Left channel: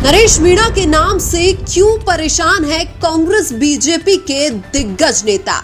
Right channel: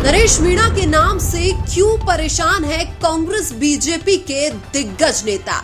नरेश मीणा के नाम से क्यों परेशान है कांग्रेस बीजेपी के दिग्गज नेता।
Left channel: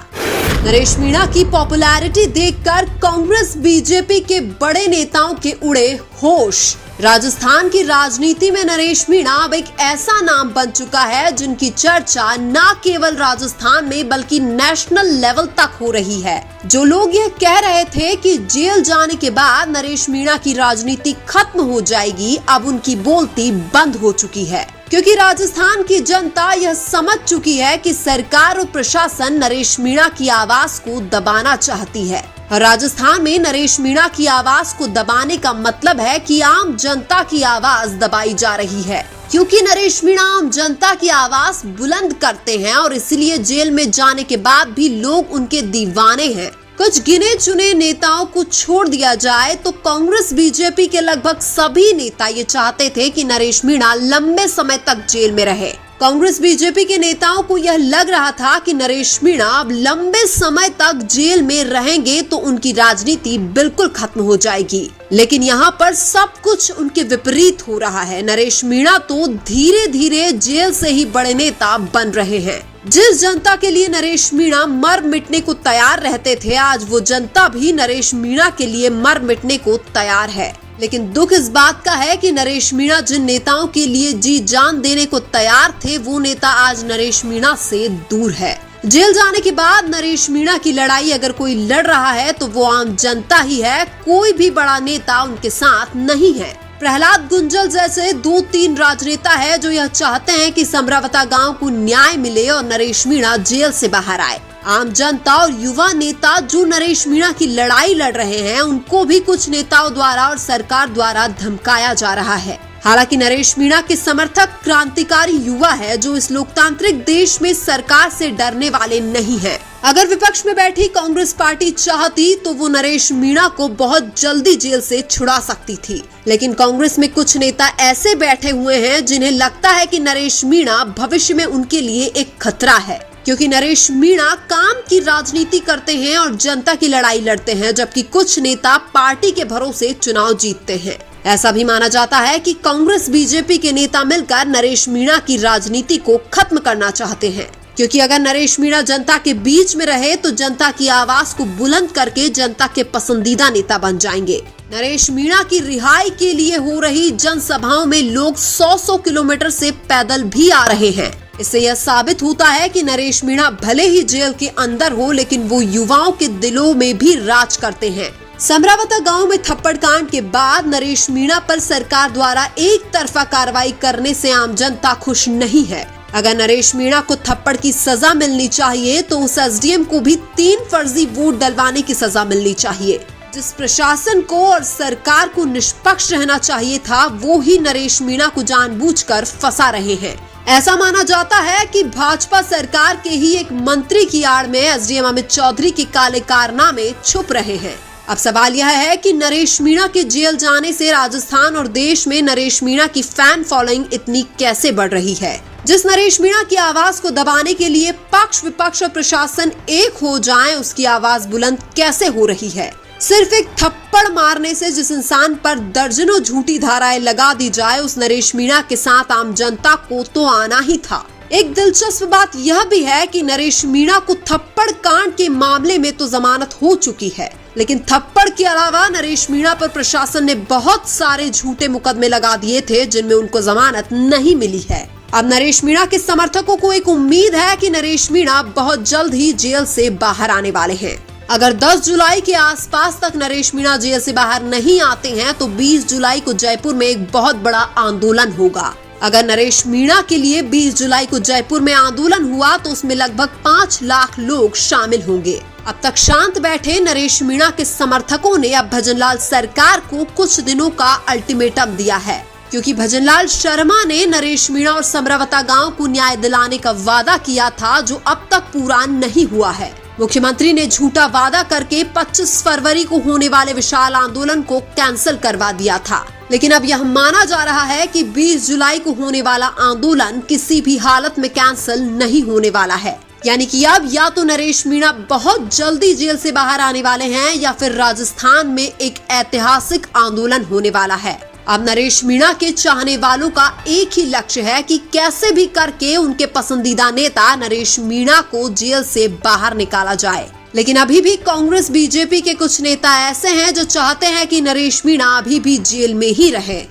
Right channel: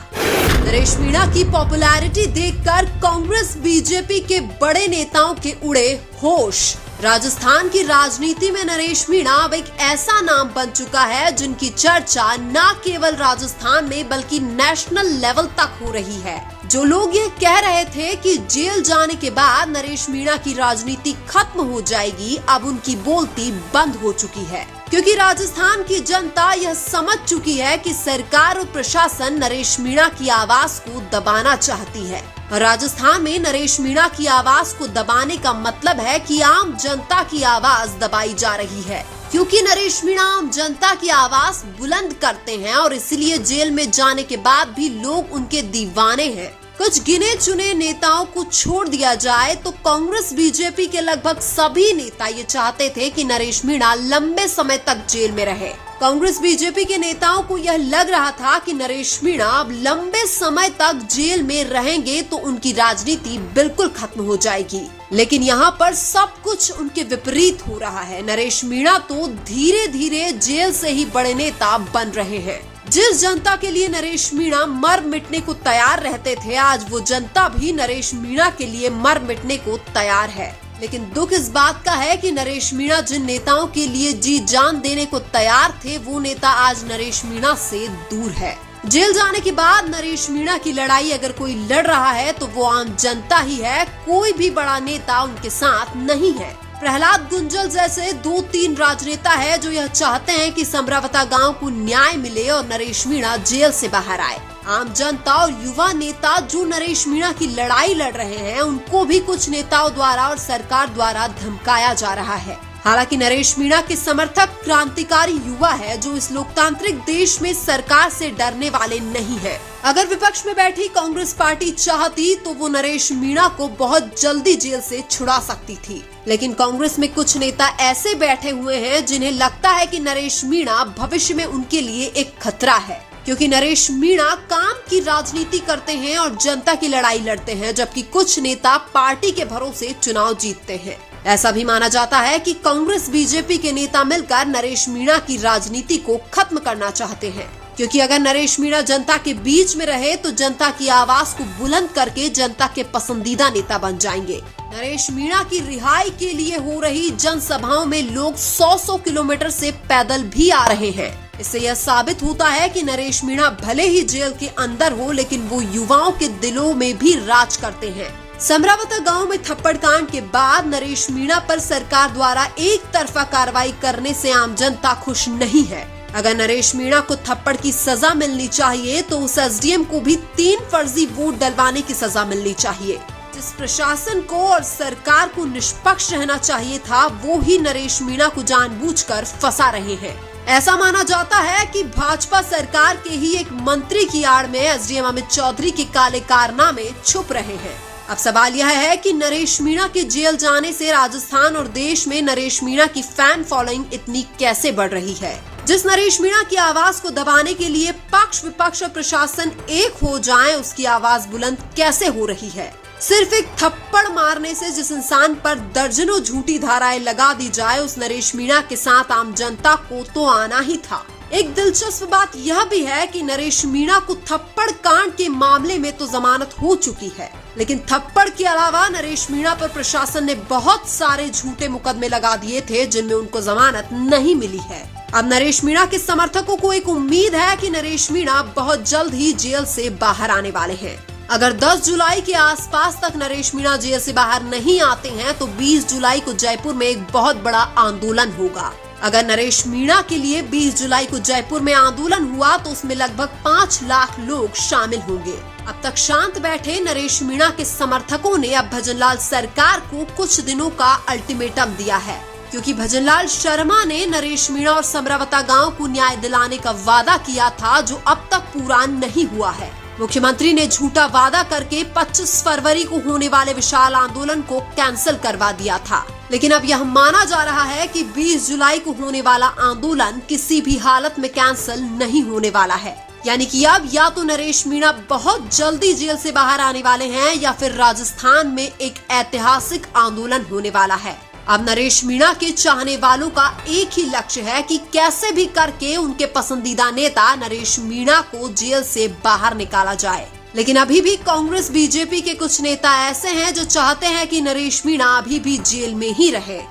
नरेश मीणा की पॉपुलैरिटी देखकर कांग्रेस बीजेपी के बड़े नेताओं के उड़े होश। राजस्थान की राजनीति में नरेश मीणा अब एक ऐसा नाम बन चुका है जिनकी चर्चा न केवल राजस्थान में बल्कि नेशनल लेवल तक हो रही है। जो लोग यह कह रहे थे कि जेल जाने के बाद नरेश मीणा की राजनीति खत्म हो जाएगी, अब उनकी बोलती बंद हो चुकी है, क्योंकि राजस्थान की जनता यह समझ चुकी है कि सरकार और प्रशासन नरेश मीणा की आवाज को दबाना चाहती है। और राजस्थान में नरेश मीणा की आवाज को दबाने का मतलब है कि आम जनता की आवाज दबाई जा रही है, क्योंकि नरेश मीणा आम जनता की आवाज बुलंद करते हैं और इसलिए जेल में जाने के बाद भी लोग उनके दीवाने हैं। कुछ गिने चुने नेताओं को छोड़ दिया जाए तो कांग्रेस बीजेपी के लगभग सभी नेता ये चाहते थे कि नरेश मीणा लंबे समय तक जेल में रहे। कांग्रेस बीजेपी के नेताओं को यह लग रहा था कि नरेश मीणा अब लंबे समय तक जेल में रहेंगे तो उनकी राजनीति बिल्कुल खत्म हो जाएगी, लेकिन यहाँ पर सब कुछ उनके विपरीत हो रहा है। नरेश मीणा तो धीरे धीरे जेल से ही बड़े नेता बन रहे हैं। जिस जनता के लिए नरेश मीणा मर मिटने को तैयार रहते थे, आज वो जनता भी नरेश मीणा के लिए मर मिटने को तैयार है। लेकिन दुख इस बात का है कि नरेश मीणा जिन नेताओं के लिए जी जान देने को तैयार थे, वो नेता आज नरेश मीणा से दूर है। जेल जाने के बाद नरेश मीणा की लड़ाई अगर कोई लड़ रहा है तो वो आम जनता ही है, कोई भी बड़ा नेता उनके साथ नहीं है। प्रहलाद गुंजल जैसे 2-3 राजनेता है जो यह चाहते हैं कि समरावता गांव को न्याय मिले और नरेश मीणा जेल से बाहर आए। आम जनता और युवा नेता जो नरेश मीणा की लड़ाई लड़ रहे हैं, उनको भी कुछ नेताओं द्वारा और सरकार द्वारा धमकाया जा रहा है। हालांकि नरेश मीणा के समर्थक क्रांतिकारी युवा है जो इस लोकतांत्रिक देश में सरकार से डरने वाले नहीं है। अगर विपक्ष में बैठी कांग्रेस पार्टी चाहती तो वो नरेश मीणा को बहुत जल्दी जेल से छुड़ा सकती थी, लेकिन कांग्रेस में कुछ नेता ऐसे बैठे हुए हैं जिन्हें लगता है कि नरेश मीणा भविष्य में उनके लिए एक खतरा है, क्योंकि नरेश मीणा काम की राजनीति करते हैं और जनता की लड़ाई लड़ते हैं, जबकि कुछ नेता पार्टी के भरोसे चुनाव जीतते हैं। ऐसा भी माना जाता है कि कांग्रेस बीजेपी के नेता मिलकर नरेश मीणा की राजनीति को खत्म करना चाहते हैं, क्योंकि अगर नरेश मीणा जनता के बीच में रहे तो जनता की आवाज को बुलंद करके जनता के पसंदीदा नेता बन जाएंगे। नरेश मीणा की रिहाई के लिए हो रही जनसभाओं में लोग 100-100 किलोमीटर से पैदल भी आ रहे हैं। इससे यह साबित होता है कि नरेश मीणा भले ही जेल के अंदर हो, लेकिन वो युवाओं के दिलों में भी राज करते हैं। समरावता गांव में थप्पड़ कांड के बाद नरेश मीणा पर सरकार द्वारा एक तरफा कार्रवाई करने से आम जनता खुश नहीं है। अगर नरेश मीणा को थप्पड़ की सजा मिलनी चाहिए तो उस एसडीएम को भी 3 फर्जी वोट डलवाने की सजा मिलनी चाहिए। जिस प्रशासन को और सरकार को निष्पक्ष रहना चाहिए था, वो ही नरेश मीणा को जानबूझकर फंसा रहे हैं। ऐसा माना जाता है कि भाजपा सरकार के ही एक मंत्री की आड़ में एसडीएम अमित चौधरी के काले कारनामे छुप रहे हैं। अब सवाल यह है कि नरेश मीणा के जेल जाने से राजस्थान और देश में नरेश मीणा की फैन फॉलोइंग इतनी कैसे बढ़ रही है। जिस नरेश मीणा की आवाज को दबाने के लिए पक्ष विपक्ष और प्रशासन एक हो जाएं, उसकी आवाज बुलंद कैसे हो रही है। सिर्फ एक थप्पड़ मारने से जिस इंसान पर दर्जनों झूठी धाराएं लगा दी जाए, उस नरेश मीणा के साथ आम जनता को तो आना ही था। एक दिलचस्प बात यह भी है कि नरेश मीणा को थप्पड़ कांड के मामले में तो जमानत हो चुकी है, लेकिन थप्पड़ के अलावा नरेश मीणा पर प्रशासन ने बहुत सारे झूठे मुकदमे लगा दिए थे जिनमें उनको जमानत नहीं मिली है। अब नरेश मीणा के समर्थकों को एक उम्मीद है कि नरेश मीणा बहुत जल्द ही जेल से बाहर आने वाले हैं। अगर 10 जुलाई के आसपास तक नरेश मीणा जेल से बाहर नहीं आते हैं तो 20 जुलाई को जयपुर में एक बहुत बड़ा आंदोलन होगा। अगर नरेश मीणा के लिए 20 जुलाई को जयपुर में आंदोलन हुआ तो उसमें लगभग 5 लाख लोग शामिल होंगे। अब तक शांत बैठे नरेश मीणा के समर्थकों ने अब भजनलाल सरकार को कुछ दिनों का अल्टीमेटम दिया है, क्योंकि भजनलाल शर्मा ने नरेश मीणा और समरावता गांव को न्याय दिलाने का वादा किया था, जो अब तक पूरा नहीं हुआ है। मुख्यमंत्री ने झूठा वादा करके 25 फरवरी को होने वाले विशाल आंदोलन को कैंसिल करवा दिया था, लेकिन अब यह माना जा रहा है कि 20 जुलाई को होने वाला आंदोलन किसी भी हालत में कैंसिल नहीं होने वाला है। यानी कि अब या तो नरेश मीणा बहुत जल्दी जेल से बाहर आने वाले हैं या फिर राजस्थान में एक ऐतिहासिक आंदोलन होने वाला है। अब नरेश मीणा के चाहने वालों का एक ही लक्ष्य है कि कैसे भी करके उनके पसंदीदा नेता नरेश मीणा को जेल से बाहर निकाला जाए। लेकिन अभी भी कांग्रेस बीजेपी के कुछ नेता ऐसे हैं जो चाहते हैं कि नरेश मीणा अभी भी जेल में ही रहे।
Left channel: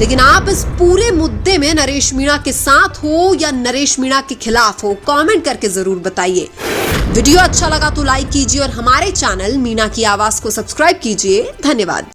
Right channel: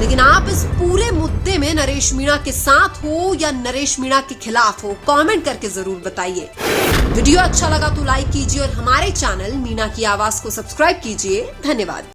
लेकिन आप इस पूरे मुद्दे में नरेश मीणा के साथ हो या नरेश मीणा के खिलाफ हो, कमेंट करके जरूर बताइए। वीडियो अच्छा लगा तो लाइक कीजिए और हमारे चैनल मीणा की आवाज को सब्सक्राइब कीजिए। धन्यवाद।